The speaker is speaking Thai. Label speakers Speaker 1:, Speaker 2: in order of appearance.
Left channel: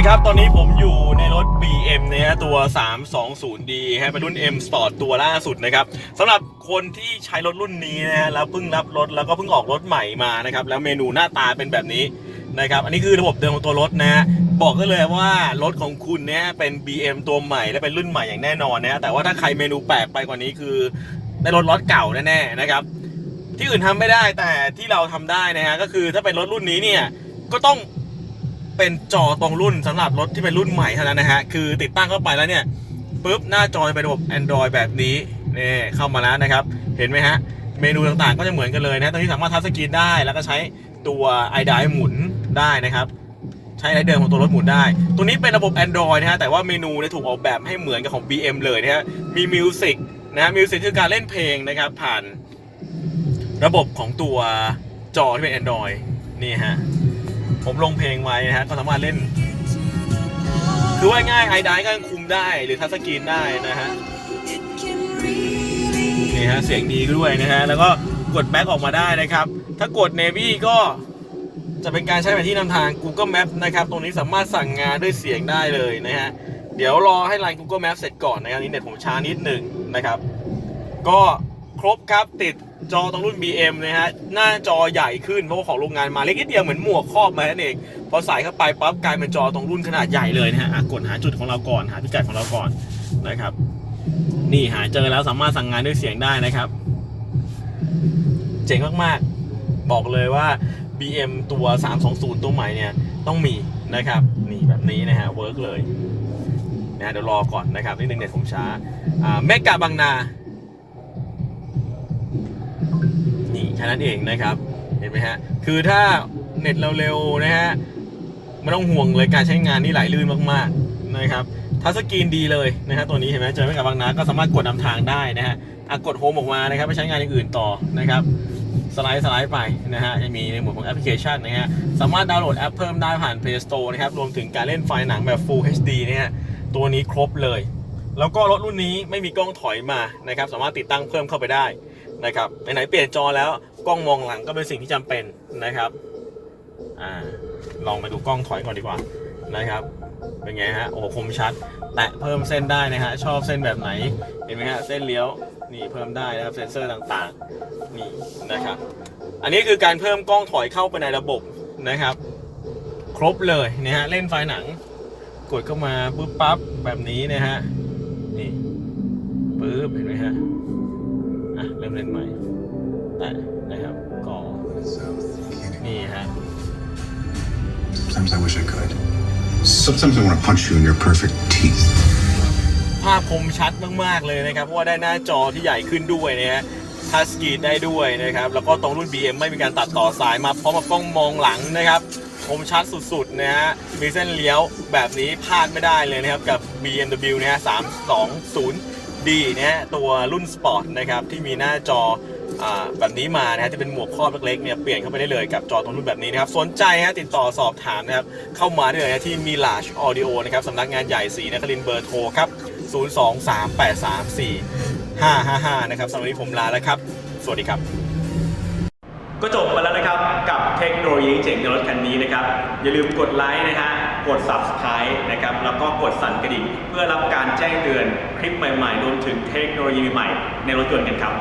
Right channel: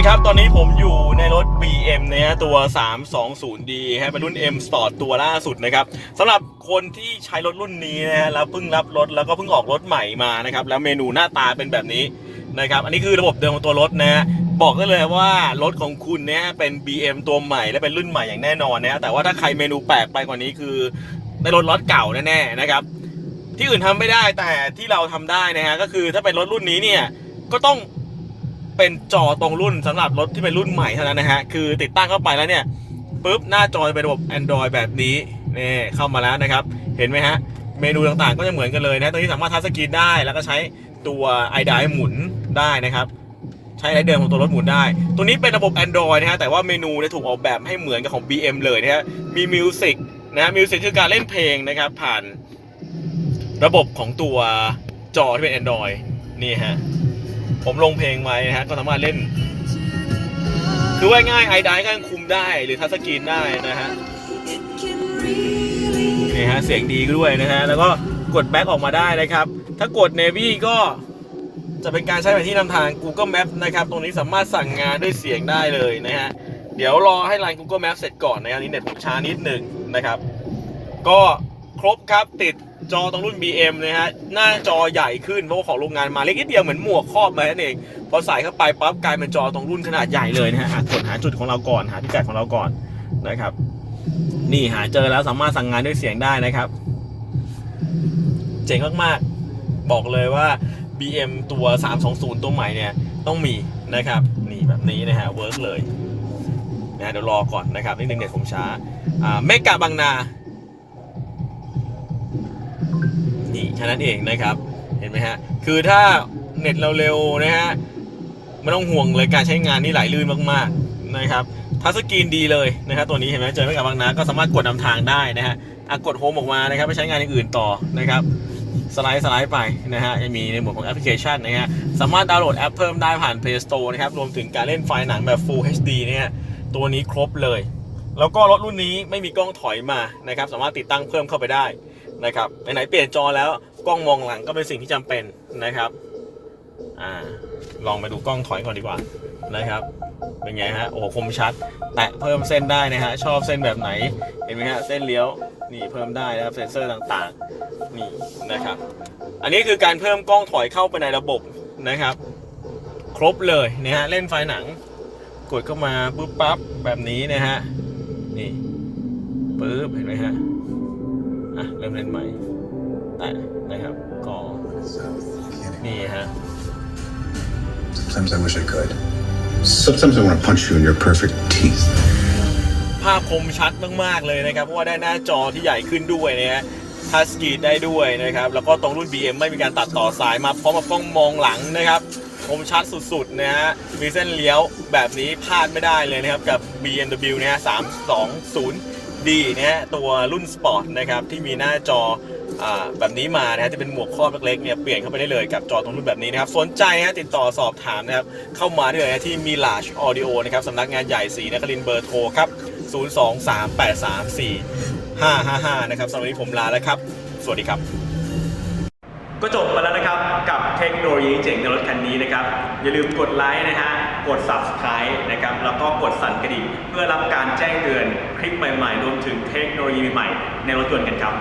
Speaker 1: ดีครับ ตอนนี้ผมอยู่ในรถ BM นะฮะตัว 320D ฮะเป็นรุ่น M Sport ตัวล่าสุดนะครับสำหรับคนที่ใช้รถรุ่นนี้นะฮะแล้วเพิ่งรับรถแล้วก็เพิ่งออกรถใหม่มานะครับ แล้วเมนูหน้าตาเป็นแบบนี้นะครับ อันนี้คือระบบเดิมของตัวรถนะฮะบอกได้เลยว่ารถของคุณเนี่ยเป็น BM ตัวใหม่และเป็นรุ่นใหม่อย่างแน่นอนนะฮะแต่ว่าถ้าใครเมนูแปลกไปกว่านี้คือในรถรถเก่าแน่ๆนะครับ ที่อื่นทำไม่ได้แต่ที่เราทำได้นะฮะก็คือถ้าเป็นรถรุ่นนี้เนี่ยก็ต้อง เป็นจอตรงรุ่นสำหรับรถที่เป็นรุ่นใหม่เท่านั้นนะฮะ คือติดตั้งเข้าไปแล้วเนี่ยปุ๊บหน้าจอเป็นระบบ Android แบบนี้นี่เข้ามาแล้วนะครับ เห็นไหมฮะ เมนูต่างๆ ก็จะเหมือนกันเลยนะตรงนี้สามารถทัชสกรีนได้แล้วก็ใช้ตัว i d i หมุนได้นะครับ ใช้ไรเดิมของตัวรถหมุนได้ ตัวนี้เป็นระบบ Android นะฮะแต่ว่าเมนูเนี่ยถูกออกแบบให้เหมือนกับของ BM เลยนะฮะมีมิวสิกนะฮะมิวสิกคือการเล่นเพลงนะครับผ่านระบบของตัวจอที่เป็น Android นี่ฮะ ผมลงเพลงไว้นะฮะก็สามารถเล่น คือว่าง่ายไอดก็ยังคุมได้หรือทัชสกรีนได้นะฮะนี่ฮะเสียงดีด้วยนะฮะแล้วก็กดแบ็กออกมาได้นะครับ ถ้ากด Navy ก็จะเป็นการใช้แผนที่นำทาง Google Map นะครับ ตรงนี้สามารถสั่งงานด้วยเสียงได้เลยนะฮะ เดี๋ยวรอให้ไลน์ Google Map เสร็จก่อนนะครับ นี่เน็ตผมช้านิดหนึ่งนะครับ ก็ ครบครับติดจอตรงรุ่น BM นะฮะหน้าจอใหญ่ขึ้นเพราะว่าของโรงงานมาเล็กนิดเดียวเหมือนหมวกครอบมานั่นเองพอใส่เข้าไปปั๊บกลายเป็นจอตรงรุ่นขนาดใหญ่เลยนะฮะกดหาจุดของเราก่อนหาพิกัดของเราก่อนนะครับ นี่หาเจอแล้วสามารถสั่งงานด้วยเสียงได้นะครับ เจ๋งมากๆ บอกเลยว่า BM ตัว 320 ตัวใหม่เนี่ยต้องมีนะครับ นี่แบบนี้นะฮะเวิร์กเลยนะเดี๋ยวรอก่อนนะครับนิดนึงเน็ตผมช้าอ่าเมกะบางนา นี่แค่นั้นเองนะครับ เห็นไหมฮะ คือถ้าเน็ตเราเร็วนะฮะไม่ต้องห่วงเลยการใช้งานนี่ไหลลื่นมากๆนะครับทัชสกรีนดีเลยนะครับตัวนี้เห็นไหมเจอไม่กับบางนาก็สามารถกดนำทางได้นะฮะอะกดโฮมออกมานะครับไปใช้งานอย่างอื่นต่อนะครับสไลด์สไลด์ไปนะฮะยังมีในหมวดของแอปพลิเคชันนะฮะสามารถดาวน์โหลดแอปเพิ่มได้ผ่าน Play Store นะครับรวมถึงการเล่นไฟล์หนังแบบ Full HD เนี่ยตัวนี้ครบเลย แล้วก็รถรุ่นนี้ไม่มีกล้องถอยมานะครับสามารถติดตั้งเพิ่มเข้าไปได้ นะครับไหนๆเปลี่ยนจอแล้วกล้องมองหลังก็เป็นสิ่งที่จำเป็นนะครับอ่าลองไปดูกล้องถอยก่อนดีกว่านะครับเป็นไงฮะโอ้โหคมชัด แตะเพิ่มเส้นได้นะฮะชอบเส้นแบบไหนเห็นไหมฮะเส้นเลี้ยวนี่เพิ่มได้นะครับเซนเซอร์ต่างๆนี่นะครับ อันนี้คือการเพิ่มกล้องถอยเข้าไปในระบบนะครับ ครบเลยนะฮะเล่นไฟหนัง กดเข้ามาปุ๊บปั๊บแบบนี้นะฮะนี่ปุ๊บเห็นไหมฮะ อะเริ่มเล่นใหม่แตะนะครับก็นี่ฮะ
Speaker 2: Sometimes I wish I could. Sometimes I want to punch you in your perfect teeth.
Speaker 1: ภาพคมชัดมาก ๆ เลยนะครับ เพราะว่าได้หน้าจอที่ใหญ่ขึ้นด้วยนะฮะทัชสกรีนได้ด้วยนะครับ แล้วก็ตรงรุ่น BM ไม่มีการตัดต่อสายมาพร้อมกับกล้องมองหลังนะครับคมชัดสุดๆนะฮะ มีเส้นเลี้ยวแบบนี้พลาดไม่ได้เลยนะครับ กับ BMW นะฮะ 320D นะฮะตัวรุ่นสปอร์ตนะครับที่มีหน้าจออแบบนี้มานะฮะที่เป็นหมวกครอบเล็กๆเนี่ยเปลี่ยนเข้าไปได้เลยกับจอตรงรุ่นแบบนี้นะครับสนใจฮะติดต่อสอบถามนะครับเข้ามาได้เลยที่มี Large Audio นะครับสำนักงานใหญ่สีนครินเบอร์โทรครับ 023834555 นะครับสำหรับวันนี้ผมลาแล้วครับ สวัสดีครับ ก็จบไปแล้วนะครับกับเทคโนโลยีเจ๋งในรถคันนี้นะครับอย่าลืมกดไลค์นะฮะ กด Subscribe นะครับ แล้วก็กดสั่นกระดิ่ง เพื่อรับการแจ้งเตือนคลิปใหม่ๆ รวมถึงเทคโนโลยีใหม่ในรถยนต์กันครับ